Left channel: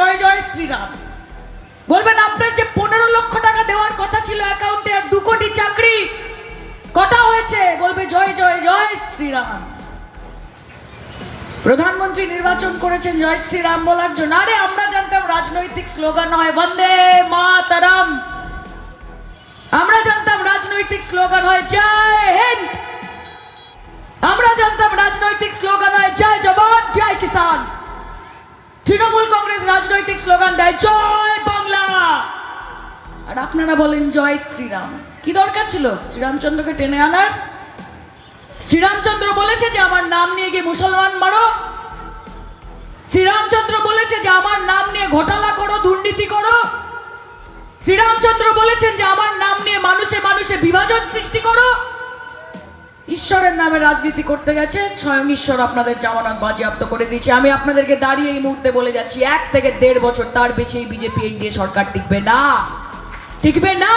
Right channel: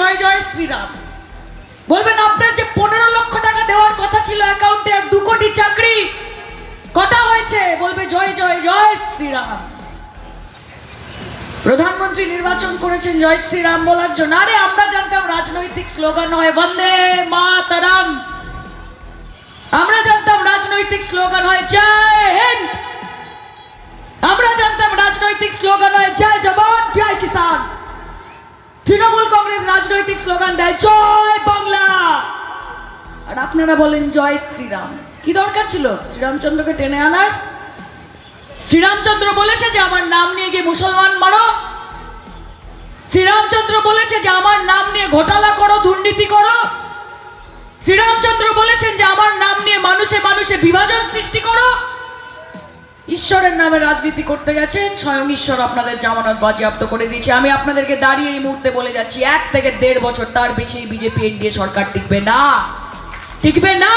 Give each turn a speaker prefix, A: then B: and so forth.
A: জয় জয় শ্রীরাম। বলবেন, আপনার যে পনেরো লক্ষ টাকা দেওয়ার কথা ছিল অ্যাকাউন্টে দু কোটি চাকরি, কথা হয়েছে। বলবে, জয় জয় জয় শ্রীরাম। প্রধানমন্ত্রী নির্বাচন করেছেন, জয় শ্রীরাম বলার জন্য। আরে, আমরা জানতাম রাজনৈতিক স্লোগান হয়, বন্দে মাতারাম। আমরা জানতাম রাজনৈতিক স্লোগান হয়, জয় হিন্দ। আমরা জানতাম রাজনৈতিক স্লোগান হয়, জয় তৃণমূল কংগ্রেস রাজনৈতিক স্লোগান দেয়, জয় বাংলা! আর আপনারা বলেন, জয় শ্রীরাম। কি দরকার ছিল? শ্রীরামচন্দ্রকে টেনে আনার? শ্রীরামচন্দ্র বলেছে যে, আমার নাম নিয়ে গিয়ে মুসলমান মারো। শ্রীরামচন্দ্র বলেছে যে, আমার নাম নিয়ে ঘোটালা করো, দুর্নীতি করো। শ্রীরামচন্দ্র বলেছেন যে, আমার নাম নিয়ে মানুষে মানুষে বিভাজন ঈশ্বরের নামে রাজনীতি করতে গেছেন, স্বয়ং ঈশ্বর আপনাদের জামানত বাজেয়াপ্ত করে দিয়েছে। আমি আপনাদেরকে দাঁড়িয়ে এই মুহূর্তে বলে যাচ্ছি, এক থেকে দেড় বছর তার বেশি বিজেপি এনডিএ সরকার টিকবে না। টিকবে না!